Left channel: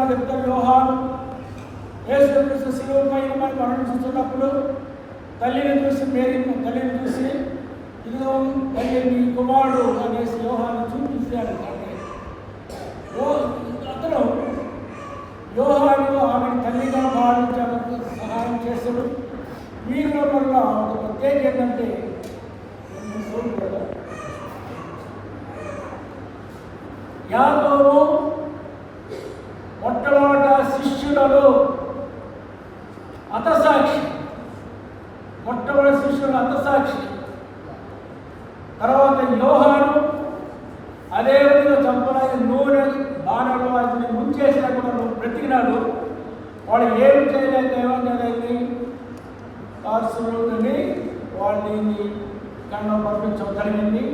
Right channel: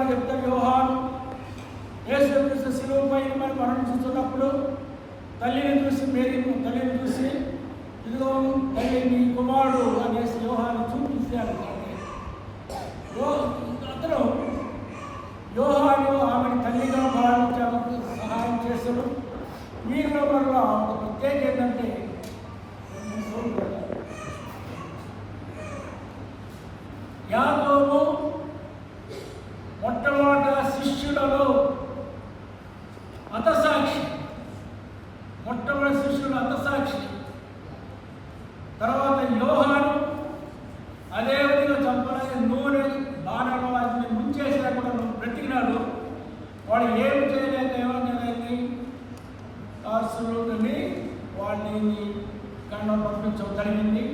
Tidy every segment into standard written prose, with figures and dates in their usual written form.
యోహాను యేసుక్రీస్తు శిలువ పైన మనం మరణిస్తున్నప్పుడు తల్లిని చూసి తల్లిని చూసి ఇదిగో తల్లి నీ కుమారుడు అనేసి యోహాను చూపించాడు. అతను యోహాను ఆమెను తల్లిగా భావించడానికి సహాయం చేశాడు. వీరిలో వల్ల ఒక ప్రత్యేక ఏంటంటే యాకోబు మొట్టమొదట శిష్యులలో హతసాక్షి, మొట్టమొదటి శిష్యులు హతసాక్షి. తర్వాత యోహాను అదే విధంగా చంపడానికి నూనె బాణలు వాటిని ముంచేసినప్పుడు బ్రతికినాడు. వాళ్ళు ఏమి చేయలేక ఏమైంది పార్శ్వని వాళ్ళని కన్నం పంపించడం జరిగింది.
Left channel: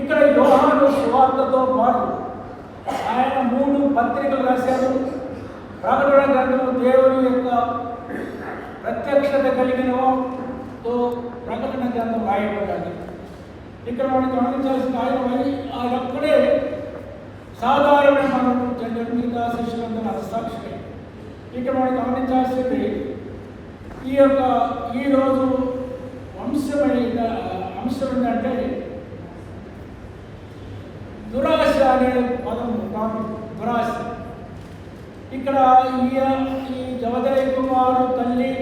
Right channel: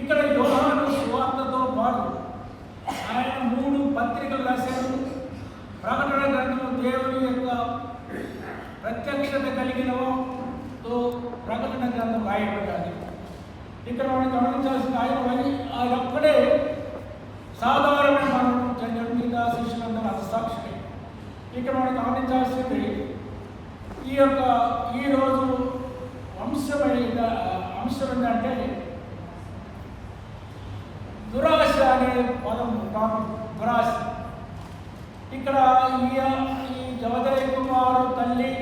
ఇక్కడ యోహాను సువార్తతో పాటు ఆయన 3 పత్రికలు రాశాడు. ప్రకటన గ్రంథము దేవుని యొక్క ప్రత్యక్షత కలిగినతో ప్రకటన గ్రంథం రాయబడ్డాడు. ఇక్కడ మనం గమనించాల్సిన ఆయన ఒక్కడే సాధారణ మనం మిగతా శిష్యులందరూ హతసాక్షి. ఇక్కడ మనం గమనించాల్సింది ఈరోజు అంశం ఏంటంటే దురాశ అనే పదం. దురాశ ఇక్కడ ఈ జవదయ కుమారుడు తల్లి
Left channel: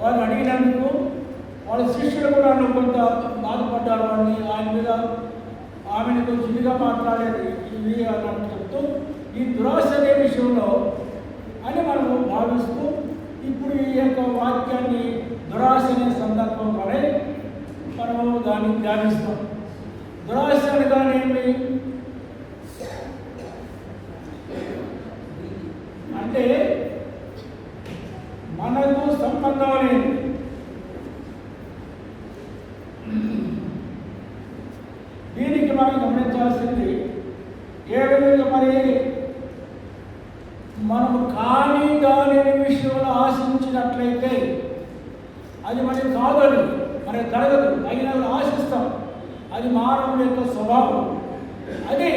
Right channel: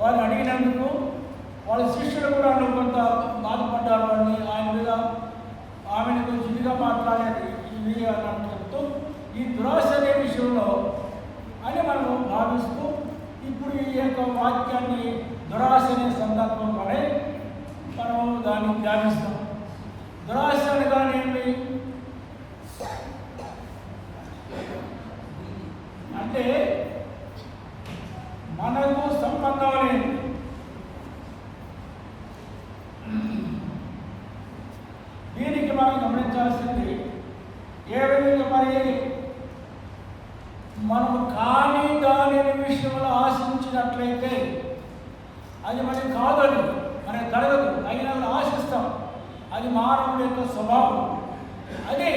వాళ్ళు అడిగినందుకు వాళ్ళ శిష్యులు కూడా కొంత బాధపడ్డారు. అని ఆయన మీద ఆమెను కొంచెం ఇదిగా మాట్లాడేది ఇది అని చెప్తూ ఈ దురాశ అనే విషయంలో అని మనము భావిస్తూ ఇప్పుడు ఈ యొక్క వాక్యాన్ని దురాశ అనే సందర్భంలోనే మనము దాన్ని ధ్యానిస్తాం. దురాశ అనగానేమి అంటే మనకు సంబంధం అనేది దీనికి మనం గమనించాల్సింది ఏ విధంగా మరి మనం కానీ దాని విషయంలో ఆశించినట్లయితే అది మనకి కాదని మనకి జరగదు, అయినా ఆశిస్తాం. అది మానవుడి యొక్క స్వభావం. అది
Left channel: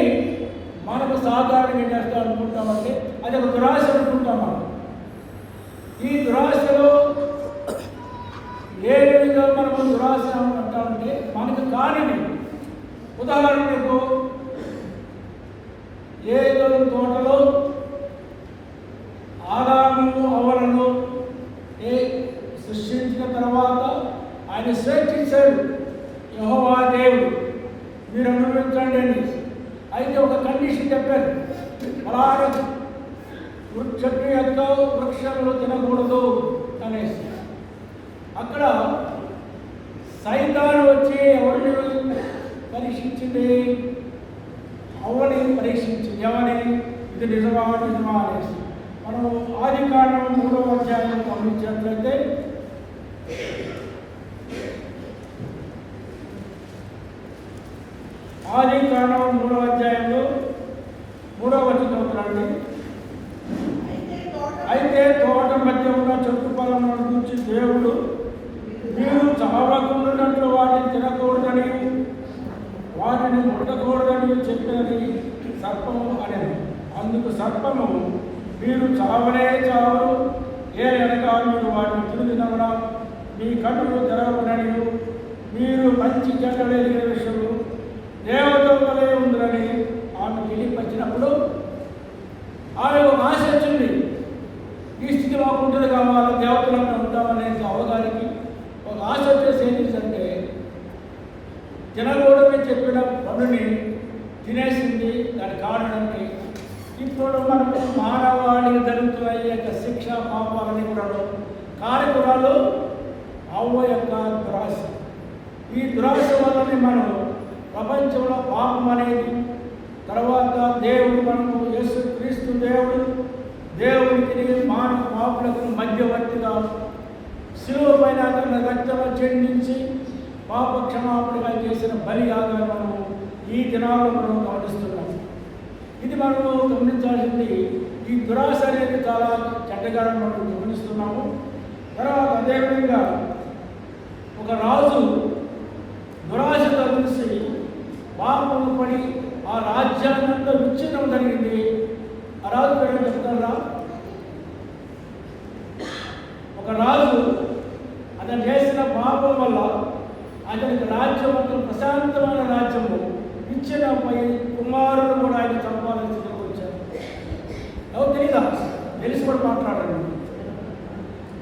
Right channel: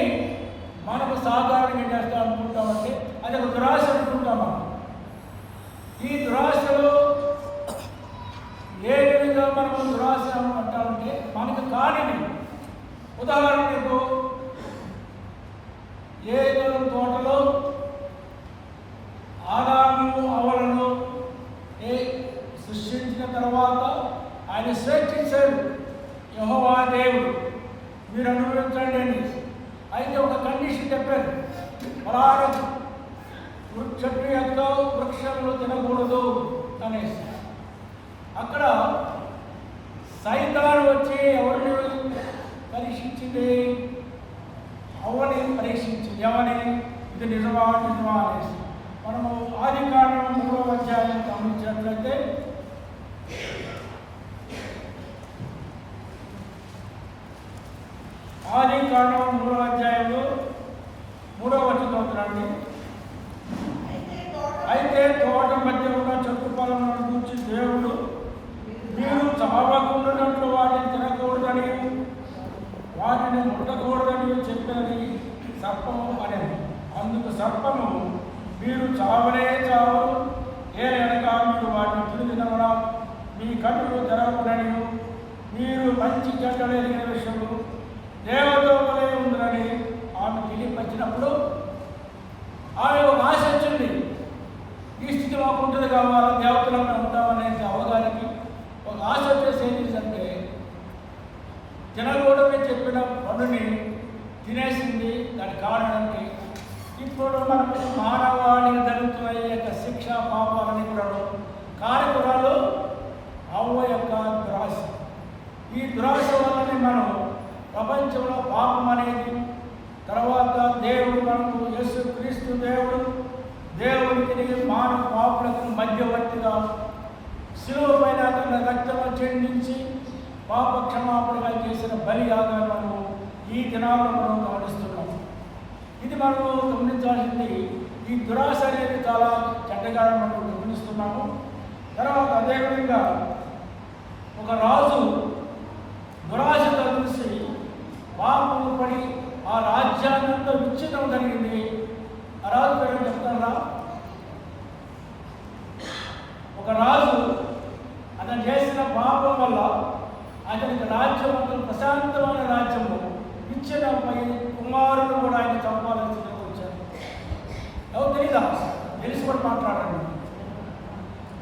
మనకు సాధారణంగా చేస్తాం అనుకుంటామంటే అది ఒక దురాశ అనుకుంటాం. మనం ఈ దురాశలో ఏ విధంగా మనము దురాశ అంటామంటే మనకు కానిది. ఉదాహరణకు ఏదో తోటలో ఆదాము అవ్వలను సృష్టించిన తర్వాత ఆయన స్వేచ్ఛించాడు. యెహోవా దేవుడు మీరు అనుభవించండి అని. అయితే ఒక కండిషన్ చెప్పారు, అలాగే చెట్టు యొక్క వృక్షములు తినకూడదు అనేసి. అక్కడ సైతాను వచ్చి ఎవరిని పరీక్షించింది? అవ్వని పరీక్షించింది. ఎవరిని? ఇది నిజమా అనేసి. మనము ఆదికాండం 3వ అధ్యాయం గమనించినట్లయితే ఆదికాండం 3వ అధ్యాయంలో 3వ వచనం చూడండి. అయితే తోట మధ్య ఉన్న చెట్టు ఫలములను గురించి దేవుడు మీరు చావకుండానట్లు వాటిని తినకూడదని వాటిని ముట్టకూడదని చెప్పినది సర్పము అనేది. అందుకు సర్పము మీరు చావనే చావరు, ఏలనగా మీరు వాటిని తిరిగినవరా మీ కన్నులు తెరవకునని మీరు మంచి చెడ్డలు ఎరిగిన విషయము దేవతో వలె ఉందని ఆమె తెలియపరిచినప్పుడు ఆమె ఒక ఆశ వచ్చింది. ఈ స్థితి మాకు ఉంటుంది కావాలి, దేవతలంగా ఉంటామనేసి అవగారికి ఒక ఆశ వచ్చేసి ఏంటంటే తినకూడదని చెప్పిన పనుని తినేసింది. దాని కారణానికి ఇప్పుడు మనకు మానవాళికి జరుగుతున్న ఈ యొక్క శిక్ష పాపాలని కూడా కారకురాలు అవ్వ యొక్క దురాశ. ఈ దురాశ వల్లనే మనం ప్రపంచంలో పాపం అనేది, తర్వాత దేవుడు మనకు యేసుక్రీస్తు దేవునికి మానవ పాపులకు మధ్యవర్తిగా శిలువ పైన తన రక్తము చెందించి పాప క్షమాపణగా చేసిన బలియాగాన్ని మనము ఈ దినాల్లో మనం గమనిస్తున్నాం. ఇది మనము గమనించాల్సింది. ఈ దురాశ అనేది చాలా చెడ్డగా మనం గమనిస్తున్నాము. తర్వాత అదేవిధంగా ఒక రాజు దురాశతో కలిసి పాపము పడి ఆ రాజ్యాన్నంతా విచ్ఛిన్నం జరిగింది. ఆ రాజు పేరు చెప్తారా? ఒక రాజు అతను చేసిన పాపం వల్ల అతనికి రాజ్యం అంతా ప్రశాంతమైన రాజ్యంలో ఇచ్చిన కుమారుడు కూడా ఆయన చంపాలని వచ్చారు. ఎవరు తెలీదా? తెలిసి కూడా మాట్లాడండి.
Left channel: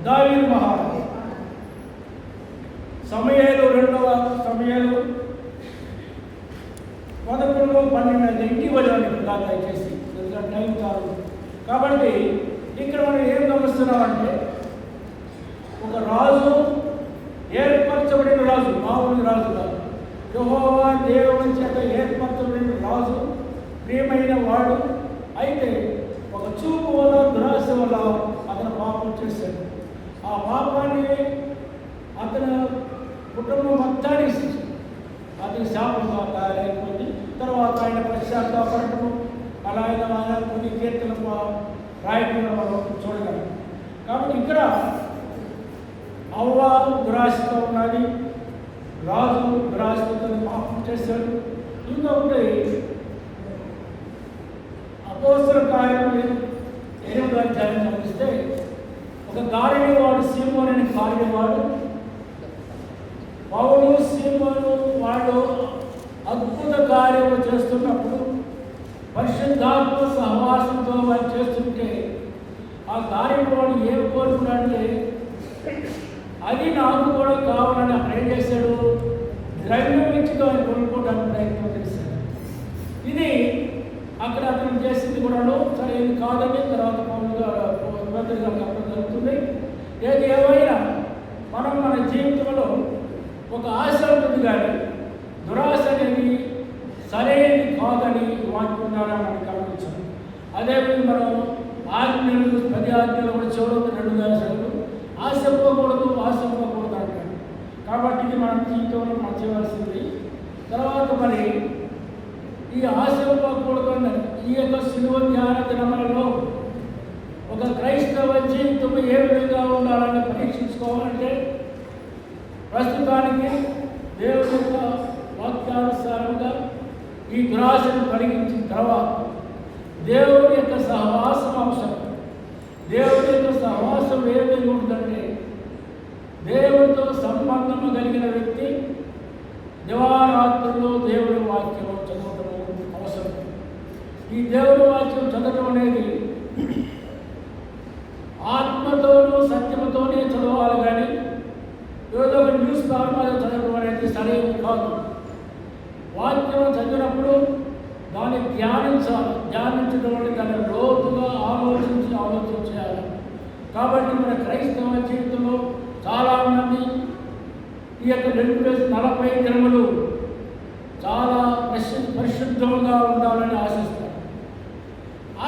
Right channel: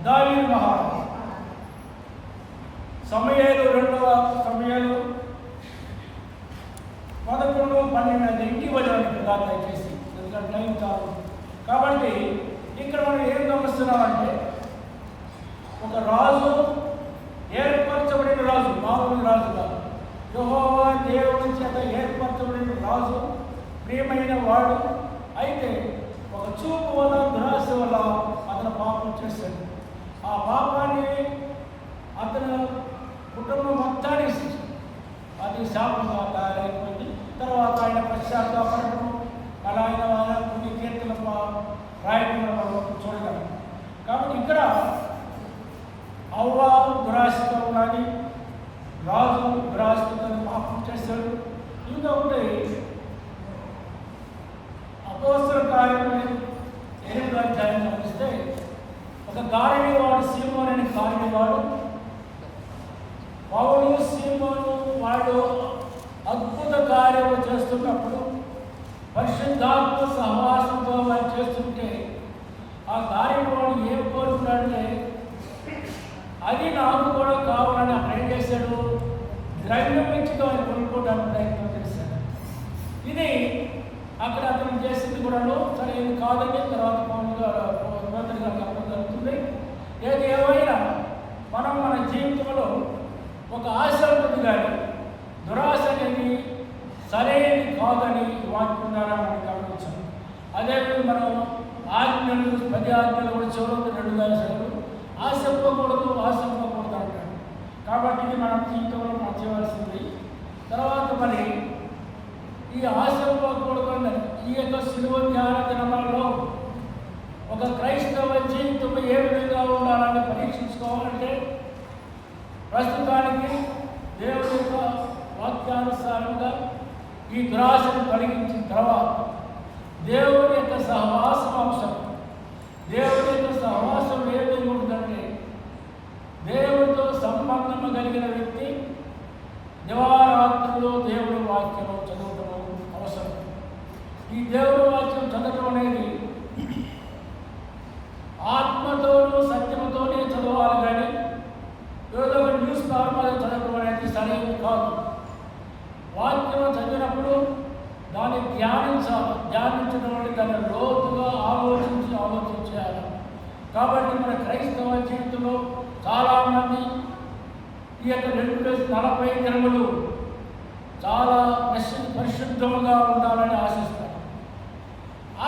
దావీదు మహారాజు సమయాలు 2వ సమయాలు 11-12 ఇంటికి వెళ్ళాలి దయచేసి, టైం కాదు. కాబట్టి ఇక్కడ మనం ఏం గమనిస్తున్నామంటే ఒక రాజు ఏర్పరచబడిన రాజు, మామూలు రాజు కాదు. యెహోవా దేవుని చేత ఏర్పరచబడిన రాజు, ప్రియమైన వాడు. అయితే ఒక చూపు వల్ల దురాశ వల్ల అతను పాపం చేశాడు. ఆ పాపాన్ని అతను కుటుంబం మొత్తానికి అది శాపంగా తయారైపోయింది. తర్వాత ఆయన పశ్చాత్తాపడటం, అలా ఆయన కొన్ని కీర్తన రాయటం చూడగలం. కాబట్టి ఇక్కడ అవ్వ దురాశతో ఉన్నది, రాజు దురాశతో పాపం చేశాడు. ఇంకా ఉంటే అపోస్తల కార్యములు 8వ అధ్యాయం గమనిస్తే ఒక గారడీవాడు, సీమోను అనే గారడీవాడు, పౌలు సీమోను వాడు అద్భుత కార్యము చేస్తున్నప్పుడు పరిశుద్ధాత్మ సహవాసంతో వారు చేస్తుంటే ఆ గారడీవాడు ఏం కోరుకున్నాడంటే అది నాకు కూడా కావాలని అక్కడ ఏం చేశాడు? ద్రవ్యం ఇచ్చితో ఆయన కొనుక్కోవడానికి ప్రయత్నం చేశాడు. ఇది అక్కడ అతను చేసింది కూడా సరైనది కాదని తర్వాత పౌరుగా అర్థం జరుగుతుంది. ఏది ఏమైనా మనం మన జీవితంలో ఒక ఆశ ఉంటుంది, కానీ దురాశ అనేది సరైనది కాదని వాక్యం ద్వారా మనం గమనించాం. అదేవిధంగా మనం ఆజ్ఞలు 10 ఆజ్ఞలు కూడా చివరికి 2 ఆశలు ఆశింపకూడదు అంటాడు. కాబట్టి ఇది మనం జీవితంలో మనం చేయవలసింది. తర్వాత మరి ఈ ఆశింపకూడదు అన్నది ఈ యొక్క శిలువ ధ్యాన దినములలో ఒక క్రైస్తవ జీవితం ఏ విధంగా ఉండాలని పరీక్షించుకోవాలంటే ప్రస్తుతానికి దేవుని యొక్క వాక్యానుసారంగా ఈ దురాశను కలిగించిన తర్వాత దేవుని యొక్క సహవాసం అవసరం. దేవుని యొక్క సహవాసం ఏమి ఉంటుందంటే దేవుడితో సంబంధం కలిగిన వ్యక్తి దివారాత్రుల్లో దేవుడి వాక్యం చదవడం అవసరం. ఈ దేవుడి వాక్యం చదవడం అనేది ఆత్మతోనూ సత్యముతోనే చదవాలి, కానీ ఏదో ఒక న్యూస్ ఫార్మాలో చదవడం అనేది సరైనది కాదు. వాక్యం చదివినప్పుడు దాన్ని ధ్యానించడం అంటే దాన్ని లోతుగా ఆలోచించాలి. కాబట్టి మన క్రైస్తవ జీవితంలో చాలామంది ఈ యొక్క 40 దినములు చాలా పరిశుద్ధంగా ఉండాలని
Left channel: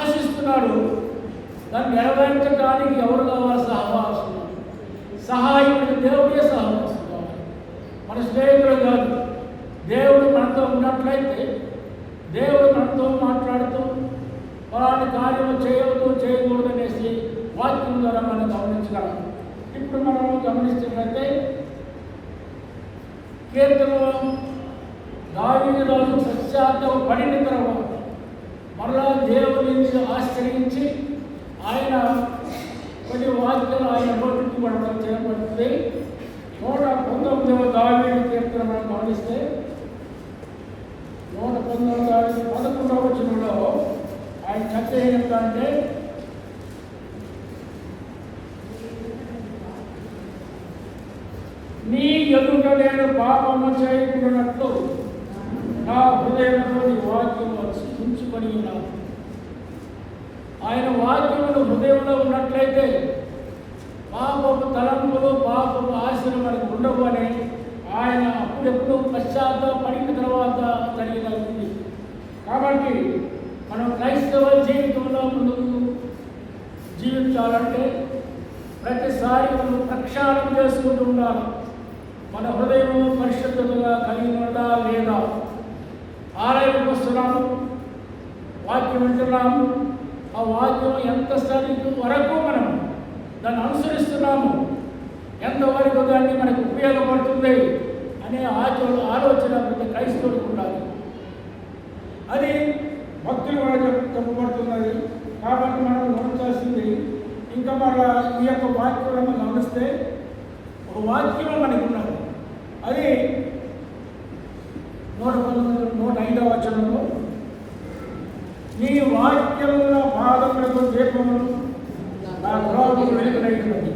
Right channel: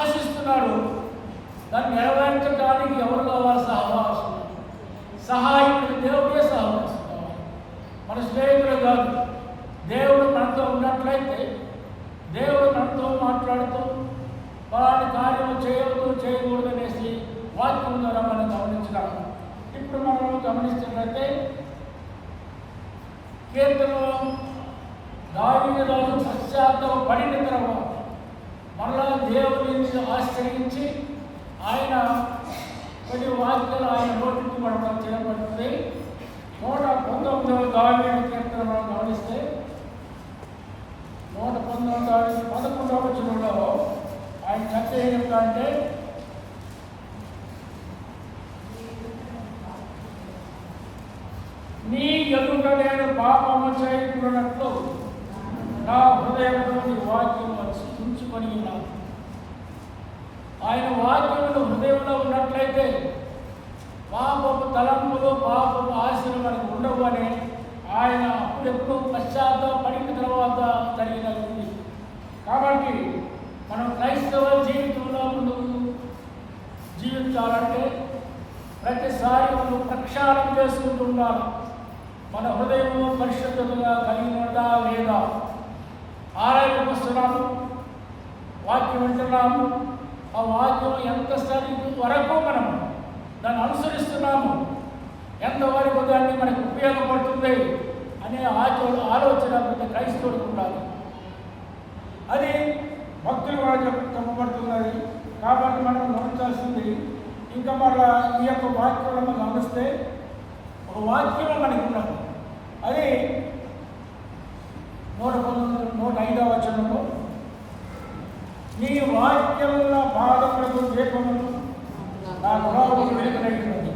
ఆశిస్తున్నారు. దాన్ని నెరవేర్చడానికి ఎవరు కావాలి? సహాయకుడు దేవుడే సహవాసం కావాలి, మన స్నేహితులు కాదు. దేవుడు మనతో ఉన్నట్లయితే దేవుడు మనతో మాట్లాడుతూ వాటి కార్యము చేయకూడదు అనేసి వాక్యం ద్వారా మనం గమనించగలం. ఇప్పుడు మనం గమనిస్తున్నట్లయితే కీర్తనలో దావీదు రాజు పశ్చాత్తాప పడిన తర్వాత మరలా దేవుని ఆశ్రయించి ఆయన కొన్ని వాక్యాలు ఆయన నోటికి పడడం చేయబడుతుంది. 119వ దావీదు కీర్తన మనం గమనిస్తే 119వ దావీదు 11వ వచనంలో ఆయన చర్చ ఏమిటంటే నీ ఎదుట నేను పాపము చేయకున్నట్లు నా హృదయంలో నీ వాక్యము ఉంచుకొని ఉన్నాను. ఆయన వాక్యములు హృదయంలో ఉన్నట్లయితే పాపపు తలంపులు పాపపు ఆశలు మనకు ఉండవు అని ఆయన అప్పుడెప్పుడు పశ్చాత్తాపడిన తర్వాత జరిగినది. కాబట్టి మనం క్రైస్తవ జీవితంలో ముందుకు జీవించాలంటే ప్రతిసారి మనం ప్రక్షాళన చేసుకుంటూ ఉండాలి. మన హృదయము పరిశుద్ధంగా కలిగి ఉన్నదా లేదా? ఆలయం వస్తున్నాము, వాక్యం వింటున్నాము, ఆ వాక్యం ఎంత స్థాయి వరకు మనం దాన్ని అనుసరిస్తున్నాము, ఎంతవరకు దాన్ని మనకు ఉపయోగపడుతుంది అనే ఆలోచన ప్రతి క్రైస్తవుడికి ఉండాలి. అది భక్తులు కూడా చెప్పబడుతున్నది. కాబట్టి మనం గమనించాల్సింది ఇంకా మళ్ళా ఈ యొక్క వాక్యం మనం గమనిస్తే ఒక వాక్యం మనకి ఉన్నది. అది 105వ వచనము, నీ వాక్యముల పాదములకు దీపములు నా త్రోవకు వెలుగునైనది.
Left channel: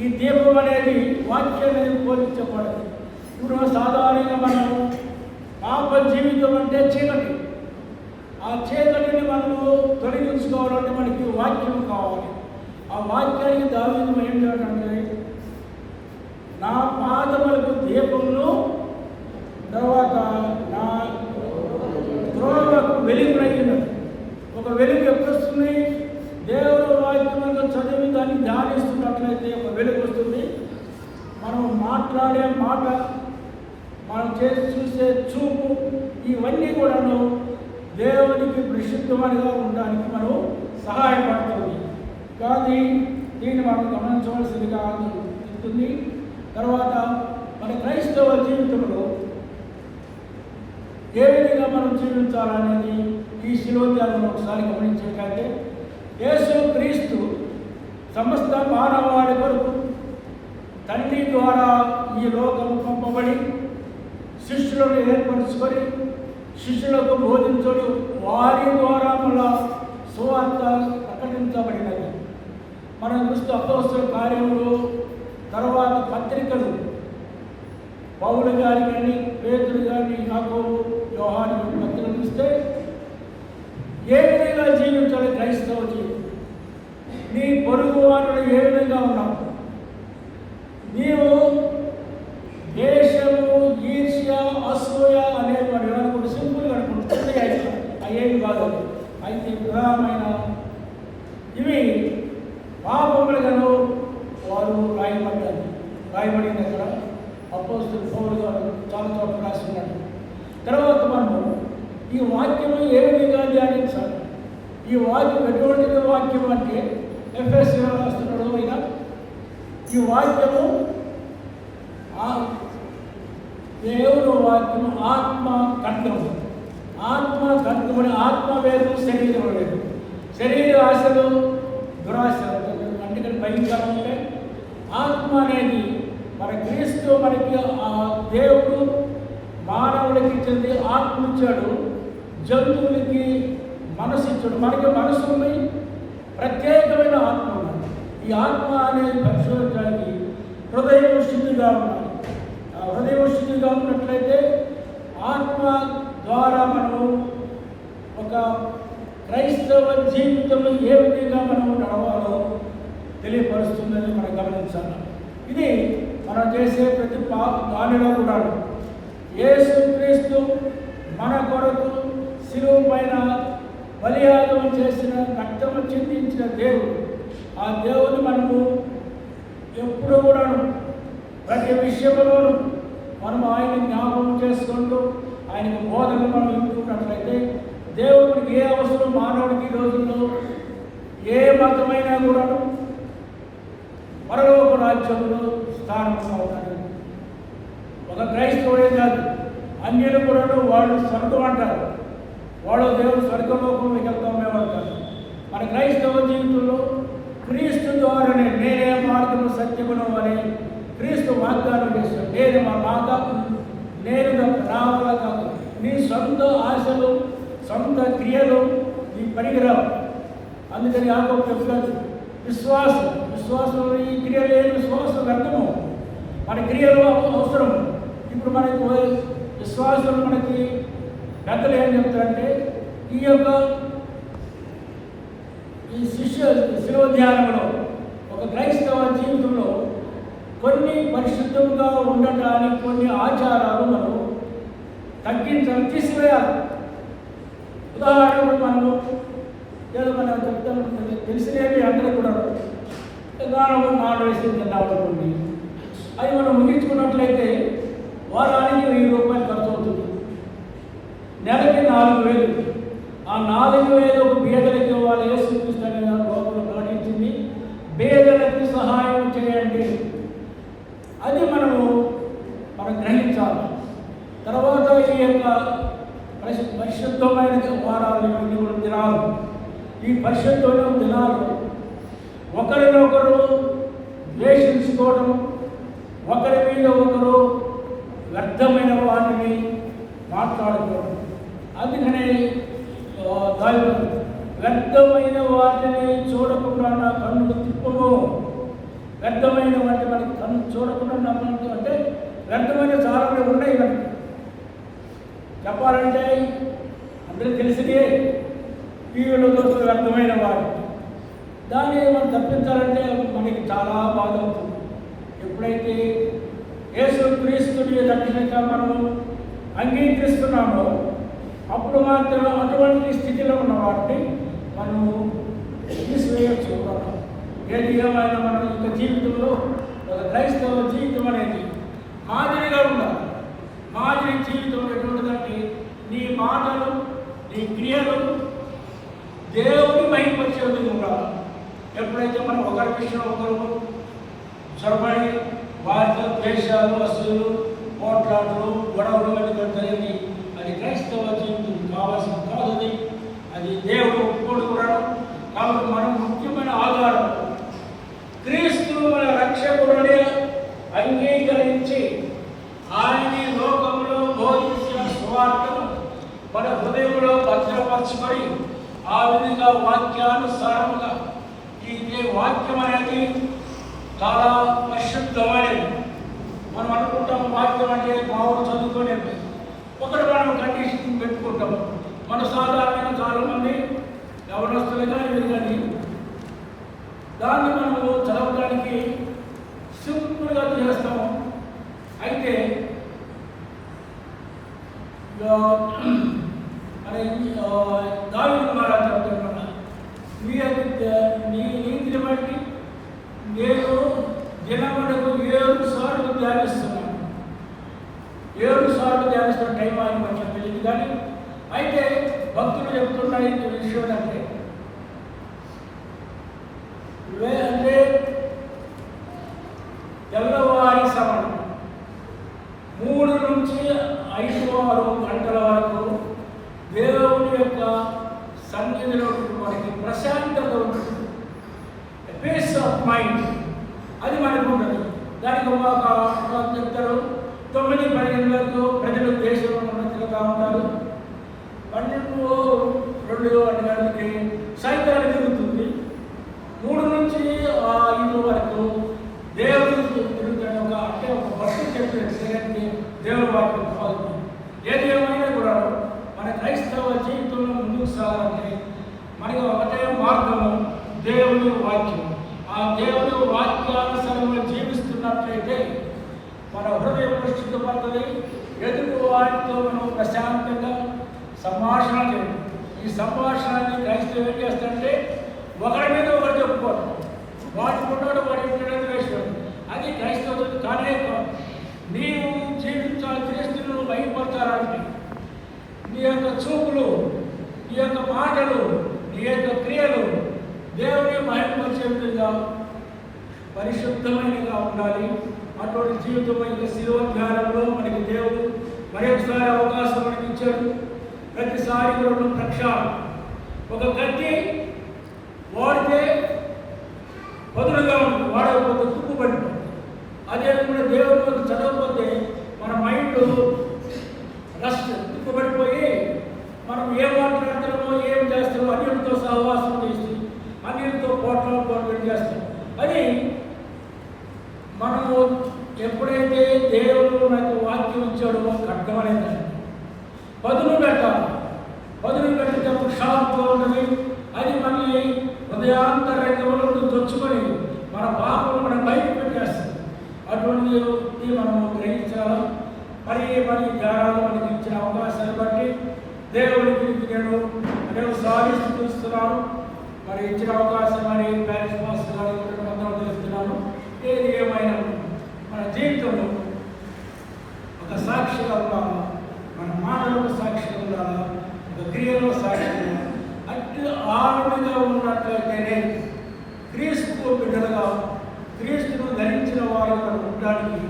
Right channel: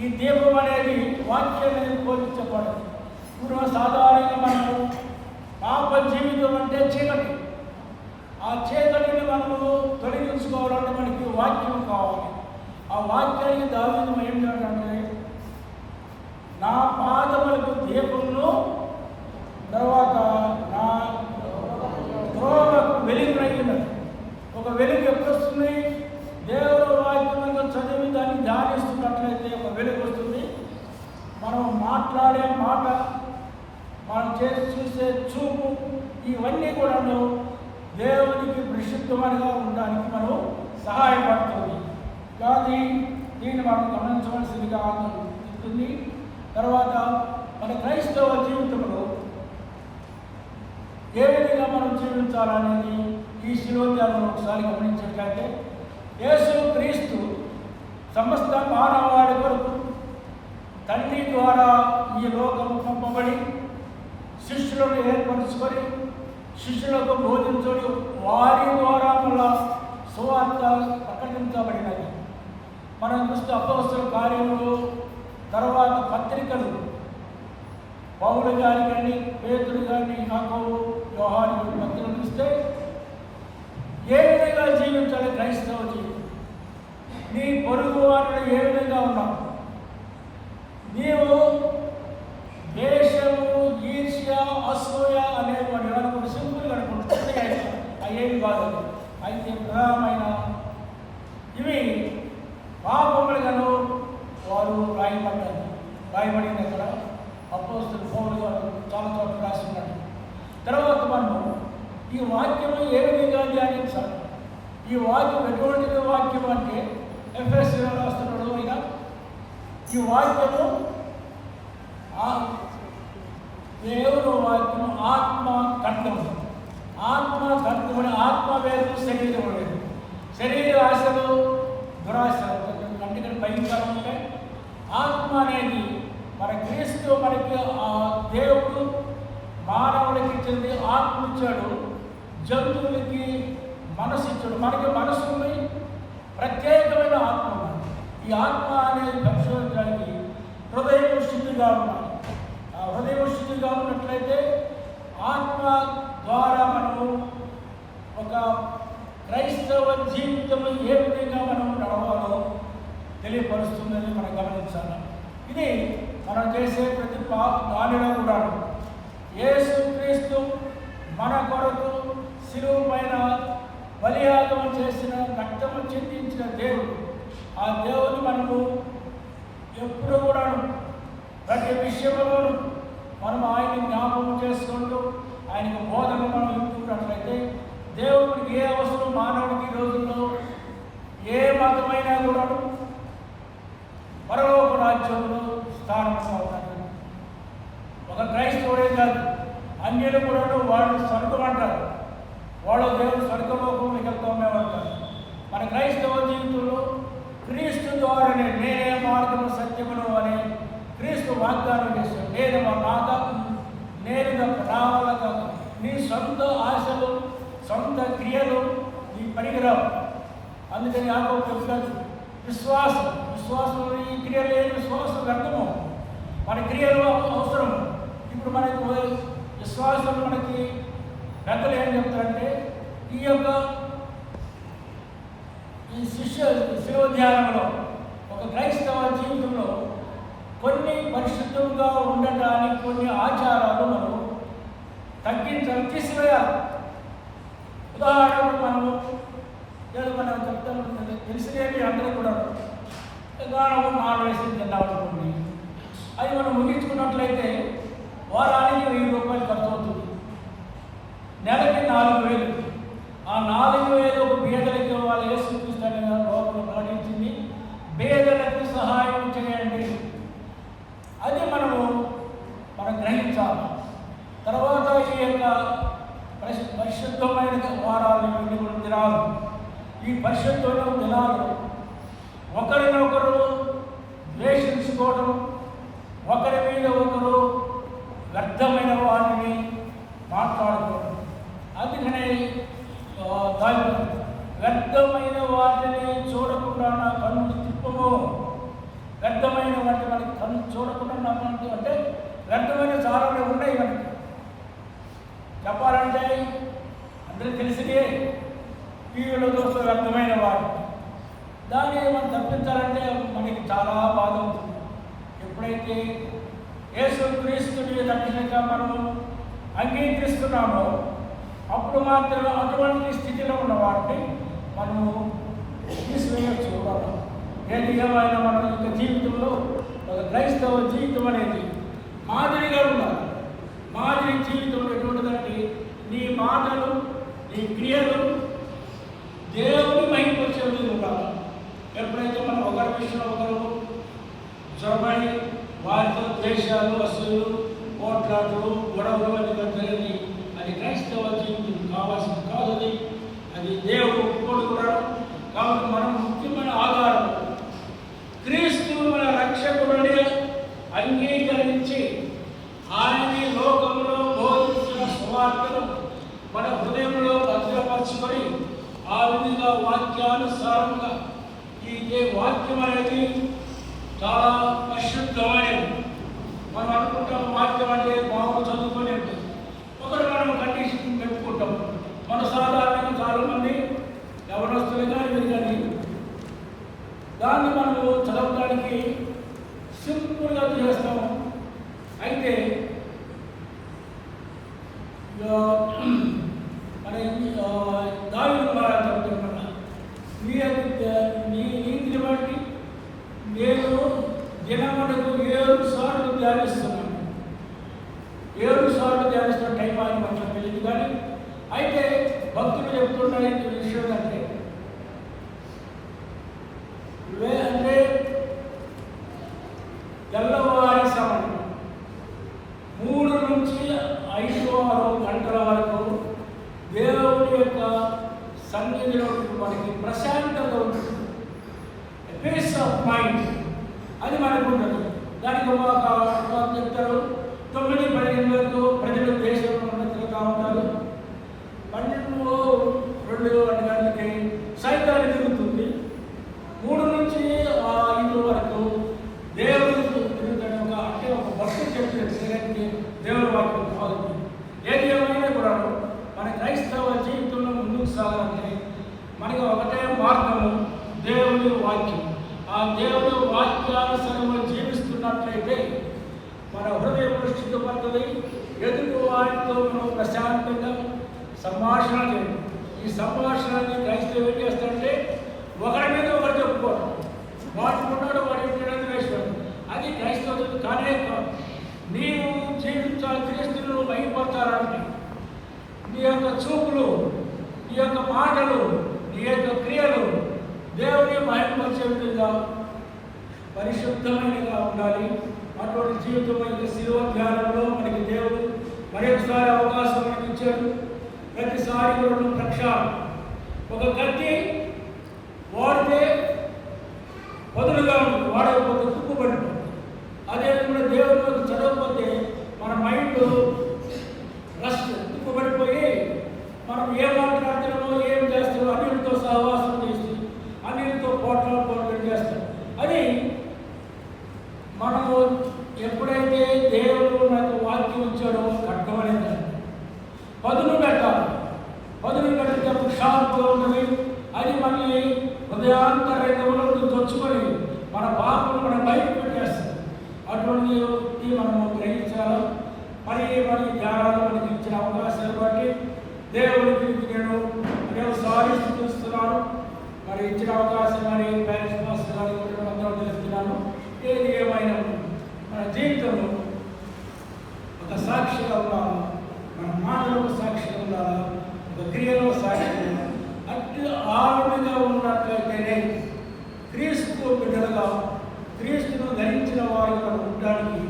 ఈ దీపం అనేది వాక్యం అనేది పోలించబడదు. ఇప్పుడు సాధారణంగా మనం పాప జీవితం అంటే చీకటి. ఆ చీకటిని మనము తొలగించుకోవాలంటే మనకి వాక్యం కావాలి. ఆ వాక్యానికి దావీదు ఏం చేయాలంటే, నా పాదములకు దీపములు, తర్వాత నా త్రోవకు వెలుగునైనది. ఒక వెలుగు ఎప్పుడు వస్తుంది? దేవుడు వాక్యంగా చదివి దాన్ని ధ్యానిస్తున్నట్లయితే ఒక వెలుగు వస్తుంది. మనం మాట్లాడే మాట, మనం చేసి చూసే చూపు, ఇవన్నీ కూడాను దేవునికి పరిశుద్ధమైనగా ఉండడానికి మనం సహాయపడుతుంది. కానీ దీన్ని మనం గమనించవలసిందిగా ఉంటుంది. తర్వాత మన క్రైస్తవ జీవితంలో ఏ విధంగా మనం జీవించాలనేది ఈ శిలోధ్యాలను ఒకసారి గమనించినట్లయితే, యేసు క్రీస్తు సమస్త మానవాళి కొరకు తండ్రి ద్వారా ఈ లోకము పంపబడి శిష్యులను ఏర్పరుచుకొని శిష్యులకు బోధించడం, వారి ద్వారా మళ్ళా సువార్త ప్రకటించబడినది. మనం చూస్తే అపోస్తలుల కార్యములు, తర్వాత పత్రికలు, పౌలు గారి కానీ, పేతురు కానీ, యాకోబు, యోహాను పత్రికలు చూస్తే ఏ విధంగా జీవించాలి క్రైస్తవ జీవితం. నీ పొరుగు వారిని ఏ విధంగా ఉన్నావు? నీవు దేశము, ఈర్ష్య, అసూయ అనేది మన విధానం సింపుల్గా అనుకుంటుంది. అయ్యేవి బాధ అయితే ప్రధానమైన ఇవి పాపములుగాను వారు రాయబడింది. అక్కడ అపోస్తలుల పౌలు గారు చాలా చోట్ల రాస్తున్నారు. తర్వాత మనము ఈ వాక్యము ఏ విధంగా ధ్యానించాలి? ఈ వాక్యం ఎటువంటి వాక్యం అంటే ఎఫెసీయులకు రాస్తున్నాడు ఆయన. ఈ వాక్యము దేవుని వాక్యం ఆత్మ ఖడ్గము. ఆత్మ ఖడ్గమని, ఆత్మ వేరు, శరీరం వేరు. శరీర ఆశలు, దురాశలు అంటే భయంకరం ఉంటే, ఆత్మ అనేది మన క్రీస్తు మనకి ఆ దేవుడు మానవుడికి ఇచ్చింది. ఆత్మ ఇచ్చాడు, జంతువులకి మనసు ఇచ్చాడు. మనకి మనసు ఉంది, ప్రత్యేకమైన ఆత్మ ఉంది. ఈ ఆత్మ అనేది పరిశోధించడానికి హృదయం శుద్ధిగా ఉండాలి. ఆ హృదయం శుద్ధిగా ఉన్నట్లయితే ఆత్మ ద్వారా మనము ఒక క్రైస్తవ జీవితం ఏ విధంగా మనము నడవాలో తెలియపరుస్తుందని మనం గమనించాలి. ఇది మనం చేసే ప్రతి దానిలో కూడా యేసు క్రీస్తు మన కొరకు శిలువ పైన బలియాగం చేసిన, రక్తము చిందించిన దేవుడు. ఆ దేవుని మనము ఎప్పుడు కూడాను ప్రతి విషయంలోనూ మనం ఆయన జ్ఞాపకం చేసుకుంటూ ఆయనకు బోధన మనం ఇస్తున్నట్లయితే దేవుడికి ఏ అవసరం మానవుడికి ఈ రోజుల్లో ఏ మతమైనా కూడా పరలోక రాజ్యంలో స్థానం అవుతాడు. ఒక క్రైస్తవుడే కాదు, అన్యులు కూడా వాళ్ళు స్వర్గం అంటారు. వాళ్ళు దేవుడు స్వర్గలోకంలోకి వెళ్తామేమంటారు. మన క్రైస్తవ జీవితంలో క్రీస్తు ద్వారానే నేనే మార్గము సత్యమును అని క్రీస్తు వాగ్దానం చేస్తాడు. నేను మా మాట నేను రావాల కాదు. నీ సొంత ఆశలు, సొంత క్రియలు నీ పనికిరావు. అందుకని యాకోబు చెప్తాడు, విశ్వాసంలో ఈ క్రియలు లేని విశ్వాసం వ్యర్థము. మన క్రియలు అవసరము. ఇప్పుడు మనకి విశ్వాసం మనకి పెద్దలు ఏం చెప్తారంటే, ఈ యొక్క ఈ శిలోధ్యానంలో ఒక క్రైస్తవ జీవితంలో కొన్ని పరిశుద్ధంగా ఉండటానికి కొన్ని ఆచారాలు మనం తగ్గించాలి, తీసివేయాలి. ఉదాహరణకు మనము ఏదో మనం చెప్తాం, తెలిసినవి అందరూ కూడా గానం నాన్-వేసి తిన్నాడుతుంది. అది మనం ముగించుకున్నట్లయితే వారానికి 1000 రూపాయలు ఖర్చు అవుతుంది. నెలకి 4000. ఆ 4000 పేదలకి వాళ్ళు యేసుక్రీస్తు లోకంలో ప్రకటించింది, పేదలకు సహాయం చేయండి. అది మనం గ్రహించాలి. తర్వాత ఈ యొక్క పరిశుద్ధమైన వారాలు, దినాలు, ఈ పరిశుద్ధమైన దినాలు ఒకరినొకరు ద్వేషించుకోవడం, ఒకరి మీద ఒకరు వ్యర్థమైన వాటిని మాట్లాడుకోవడం. అందుకనే వ్యర్థమైన వాటిని చూడకుండా నా కన్ను తిప్పము. వ్యర్థమైన వాటి మనకి కన్ను చూడకుండా నా కన్ను అంటే వ్యర్థమైన చాలా ఉన్నాయి మనకి. చెప్పాలంటే అందరికీ తెలిసినే టీవీలో చూస్తే వ్యర్థమైన వాడు. దాన్ని మనం తప్పించాలంటే మనకి చాలా బాధ అవుతుంది. ఎప్పుడైతే యేసుక్రీస్తుని రక్షణగా మనము అంగీకరిస్తున్నామో అప్పుడు మాత్రం అటువంటి స్థితిలో ఉన్న వాటిని మనము తీసివేయచ్చు. ఏది ఏమైనా మన యొక్క జీవితంలో ఒక క్రైస్తవ జీవితం అనేది మాదిరిగా ఉండాలి. మాదిరి జీవితం ఎటువంటిదంటే నీ మాటలు, నీ క్రియలు దేవుని మహిమపరిచే ఉండాలి. ఎప్పుడైతే మనం ఒకరి విషయం ఒకరు చొరబడి వారితో ద్వేషాలు, అసూలు, పోట్లాటలు, గొడవలు జరిగింది, అది క్రైస్తవ జీవితం కావాల్సిన కాదు. అది దేవుడు ఒప్పుకోవడం. కాబట్టి మనం ముఖ్యమైన ఆధారం క్రీస్తు మన రక్షకుడిని అంగీకరించి ఆయన లోకంలో బోధించిన సువార్తను మన హృదయంలో భద్రపరచుకొని ఆ విధంగా వాక్యానుసారంగా ఈ వాక్యం అనేది చాలా పరిశుద్ధమైనది. మనం అనుకుంటాం వాక్యం అంటే బాగా చదువుకొని ఒకటి మనం కండిషన్ పెట్టుకుంటాం. మన సాధారణంగా చాలామంది యవనస్తులు కానీ దాన్ని మనము చదవడానికి సింపుల్గా చేస్తాము. అయితే దావీదు ద్వారా చెప్తున్నా, నీ నీతిని బట్టి నేను దినమునకు 7 సార్లు ధ్యానిస్తున్నాను. 7 సార్లు ధ్యానిస్తున్న టైం ఆయన మనకు తెలియదు. కానీ అయితే భక్తులు చెప్తున్న విషయం అంటే తెల్లవారి సమయం 3 నుంచి 5 గంటల వరకు దేవుని యొక్క సన్నిధిలో మనకి ప్రశాంతత ఉంటుంది, పీస్ ఆఫ్ మైండ్ అది మనకు ఉంటుంది. దానికి ఒక చెప్తారు 9-12 వరకు ప్రజలు దేశంలో తిరుగుతూ ఉంటారు. 12-2 గంటలకి సైతాన్ని తిరుగుతుంది. 3 నుంచి 5 వరకు దేవుడు తిరుగుతాడు. అంటే ఒక భక్తి చెప్పేది దేవుడు వాక్యం కాదు. ఏది ఏమైనా కూడా మన క్రైస్తవ జీవితంలో ముందుకు సాగాలంటే మనకి ఒకటే మార్గము దేవుని వాక్యం. ఆ దేవుని వాక్యానుసారంగా జీవిస్తున్నట్లయితే మన హృదయం పరిశుద్ధపడుతుంది. ఎదుటి వాటితో మనం ప్రశాంతంగా సంభాషణ చేయాలి. ఈ సంభాషణని క్రైస్తవం ఏం చేస్తారంటే ఒకరి మీద ఒకరు చెప్పుకోవడం, వాటి కొన్నాడు వాడి ఇంటి వేసుకోవడం. అది క్రైస్తవం కానే కాదు. నీవు జీవించాలి, క్రీస్తును భయపడతారంటే నీ యొక్క చూపులు, నీ యొక్క మాటలు, నీ యొక్క క్రియలు దేవుని భయపరిచే విధంగా పరిశుద్ధమైనగా ఉండాలి. అటువంటి జీవితం యొక్క శిలువ ధ్యానంలో మనకి దేవుడు మరొకసారి అవకాశం మనకి ఇచ్చాడు. ప్రతిసారి 2 ప్రక్షాళన. ఒక కత్తి వాడితే వదులుగా ఉంటుంది, వాడకపోతే తుప్పుపడిపోతుంది. అదేవిధంగా దేవుడు చదవకపోతే మన మైండ్ రస్ట్ తుప్పుపడిపోయి మనం ఏం మాట్లాడుతున్నామో ఏం చేస్తామో అన్నిటితో సహవాసం చేసి అన్నిటితో పోట్లు చేస్తాం. అది మనము ఎప్పుడైతే దేవుడు నాకు వాక్యం ఇచ్చాడో ఖడ్గమనేది పదును పెట్టాలి. పదును పెట్టేటప్పుడు షార్ప్గా ఉన్నది. అది మళ్ళీ హృదయాంతరంగంలో దొచ్చుకొని మన పాపను మనం బయటకు పెట్టేస్తుంది. అటువంటి మనము గ్రహించాలి. మరి ధ్యానాలు మనకి ఇచ్చిన అవకాశాన్ని బట్టి దేవుడికి నేను సాధిస్తున్నాను. మరి ఇచ్చిన అవకాశం అని ప్యారిస్ మాస్టర్ గారికి అందరూ తెలుస్తున్నాను. ఏది ఏమైనా మన జీవితంలో ఒక సాక్షిగా ఉండాలి, మన మాటలకు సాక్షిగా ఉండాలి, ఒక క్రియలో సాక్షిగా ఉండాలి. అట్టి ఆవిడగా ఉన్నట్లయితేనే క్రీస్తు బిడ్డలుగా క్రీస్తును ధరించిన వారుగా ఉండడానికి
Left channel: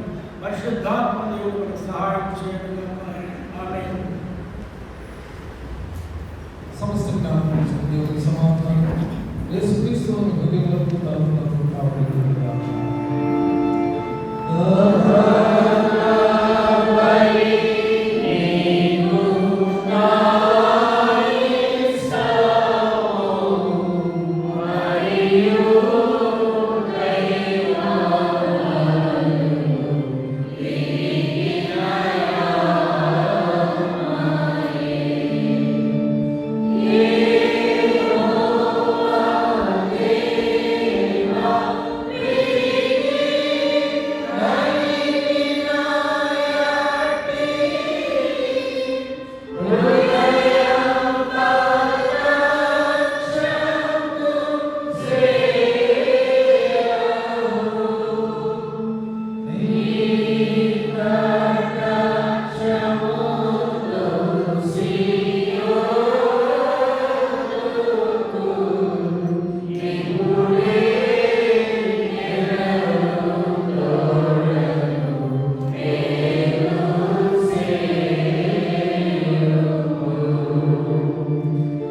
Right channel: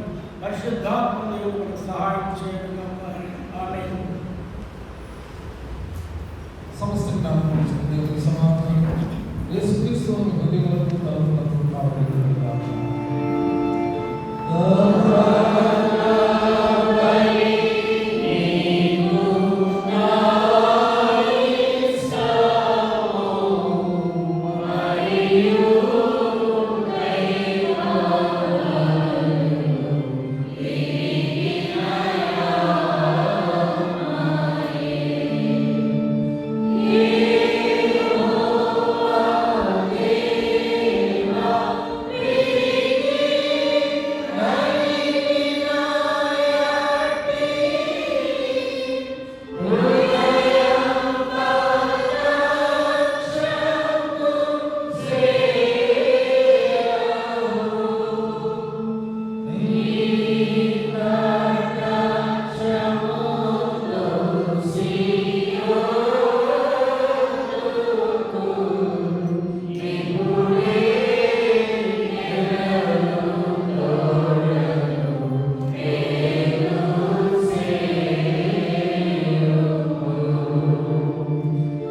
పరిశుద్ధాత్మ దేవుడు సహాయం చేయడం. ఆమేన్. సమస్త సమాధానం యేసుక్రీస్తు హృదయం వరకు తను